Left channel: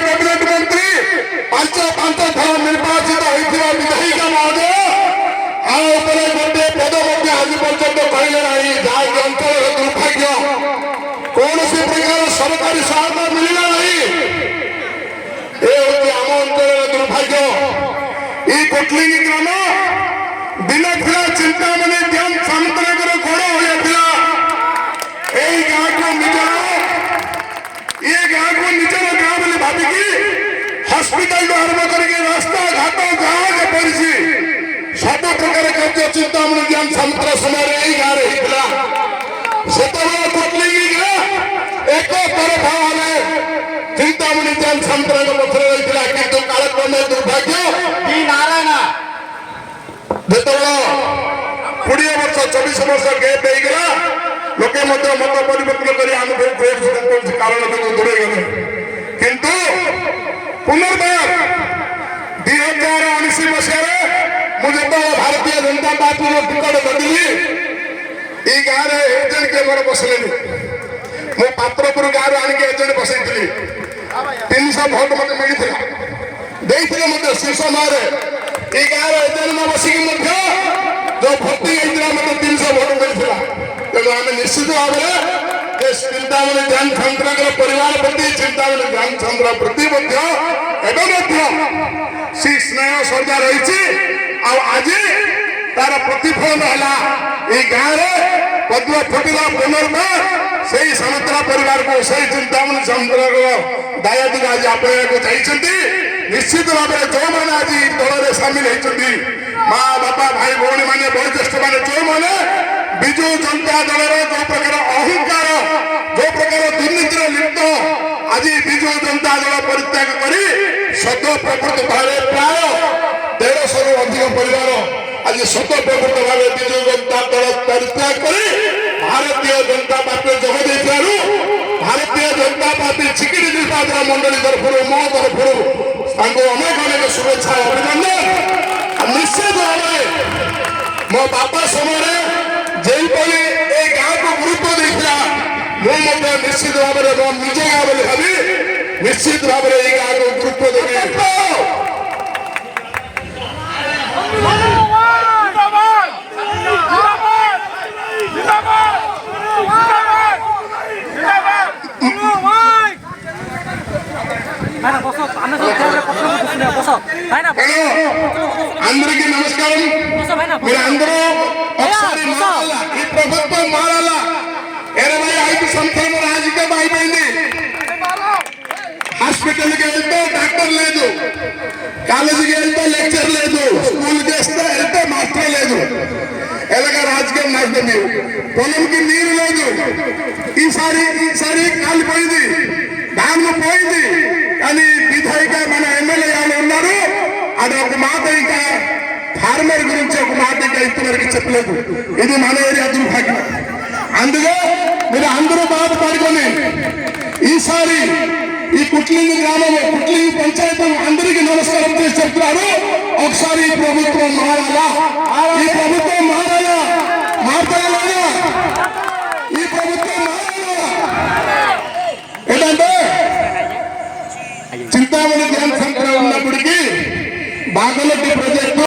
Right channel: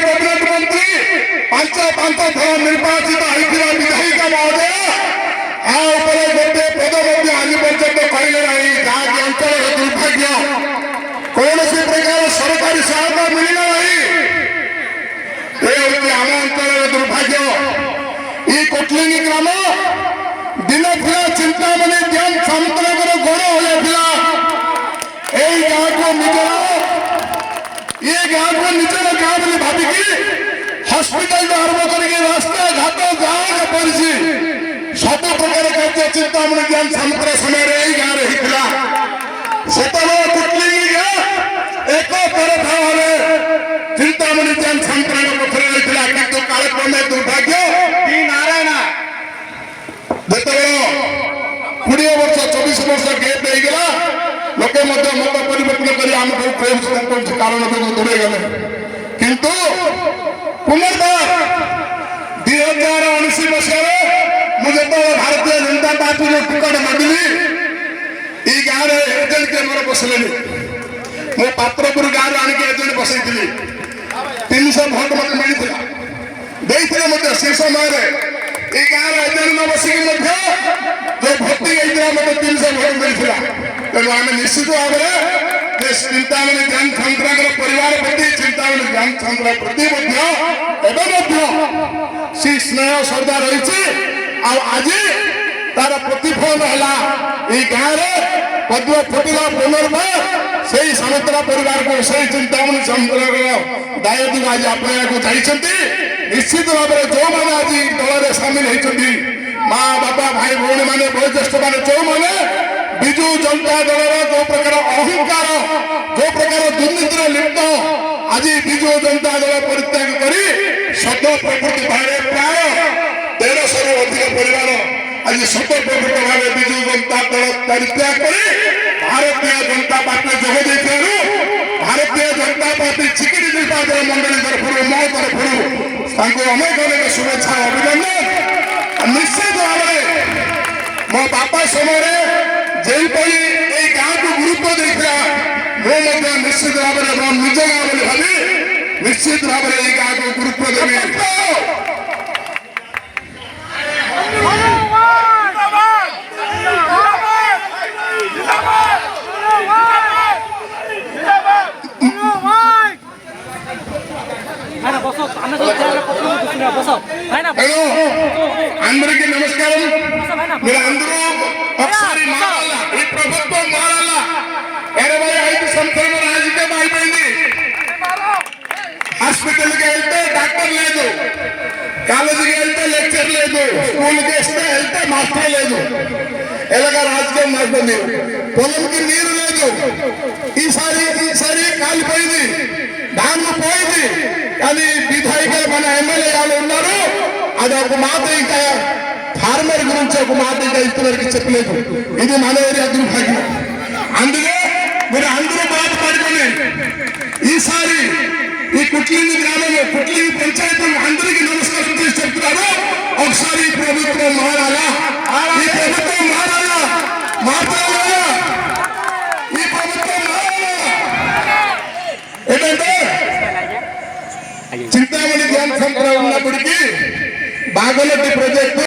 cabinet मंत्री पांच पांच थर निर्वाचित होता विधायिका महोदय आउे गोटे पद आज पर्यटन कहले ना जहाँकि अंचल दुर्भाग्य कौन प्रकार सरकारी सहायता मिलना नहीं ये हूँ आम अंचल दुर्भाग्य ये कोटलिंगी ग्राम दिन था चिंतामणि डैम सामंतनगर गड़ होता यही गाँव को निजर ये गाँव को निजर गाँव बोली भाविकी हस्पिटाल आरंभ करके रास्ता घाट गाँव पड़ी सब प्रकार कार्य चिंतामणि डैम सामंतन समय यही गाँव होता से कोटलिंगी गाँ एक पर भाव चिंतामणि डैम सामंतन पक्षर होता कि कालक्रमे दुर्भाग्य नारायण जो 20 वर्ष 24 वर्ष गैप देगला लोके मत परिवर्तन कर कारण दूरे गले किंतु पुनर्बार 2019 मसीह मुझे भारतीय जनता पार्टी को टिकट देली ये गाँव एजेंट के मोर बसले मो पात्रपुर गाँव आणिक एजेंट बसई 300 भोट मत मिलता देते से समय ये गाँव एजेंट न बसिक जो भर्ती होता मत 300 भोट मिलता तेणु आम निश्चित भाव में चिंतामणि डैम छात्र परिवार प्रति चिंतामणि डैम छात्र प्रति सी स्नेह श्रद्धा रही आज तार प्रतिफल है ये गाँव पद्म फुटिला पुनर्बार से सामंतरा परिवार को से चिंतामणि छात्र दायित्व आज आपको चाहिए निश्चित भाव में जो मैंने आज दल में सामिल होती माँ बापा भाई भौणी मैंने वयोज्येष्ठ मैंने जो मैंने विजु जनता दल जो प्रकार अहंकार जो प्रकार दुर्नीति लिप्त आज विजु जनता दल परित्याग कर शत प्रकृत भाव प्राय 150 रु अधिक परिवार आज शत प्रकृत भाव विजु जनता दल परित्याग कर भारतीय जनता पार्टी जोग भारतीय जनता पार्टी चिकिटी निर्वाचन मंडली तरफ मो तरफ अनेक अनेक शुभेच्छा अभिनंदन निश्चित भाव मो बापा समय जयपली ये गाँव को गुरुत्व देता मुझे निश्चित भाव में निज गाँव बोली भावी निश्चित भाव में ये गाँव को गुरुत्व देवी అందరికీ నమస్కారం మీరు అందరూ ఒకసారి మారాల ఈ ప్రభుత్వం మారాల 25 సంవత్సరాల రాజకీయం అయిపోయింది హాస్పిటల్కి వెళ్తే డాక్టర్ లేదు కాలేజీకి వెళ్తే లెక్చర్ లేదు స్కూల్కి వెళ్తే మాస్టర్ లేదు ఎలాగా రాజకీయం నడుస్తుంది మీరు పొలంకి నీరు లేదు ఈసారి కాలిపోయింది దానికి పోయింది కానీ విధాయిక మన ఎమ్మెల్యే వాళ్ళు ఉన్నారు అది ఒక మాట ఇంకా ఫార్మర్ గురించి ఒక మాట ఇంకా ఇంతవరకు చెప్పలేదు ఇది మన ఏరియా దుర్భాగ్యం అందులో మీరు అందరూ బాధపడుకొని ఈసారి ఈ కుట్లింగి గ్రామంలో కుట్లింగి పంచాయతీ అందరికీ నమస్కారం చేసి చెప్తున్నారు ఒకసారి ఈ ప్రభుత్వం మారాలా ఈ ప్రభుత్వం మారాలా మాట్లాడాలా ఈ ప్రభుత్వం మారాలా ఏంటంటే చింతామణి డ్యామ్ సెంటర్ ఉన్నప్పటికీ బాగలటి ప్రాజెక్టు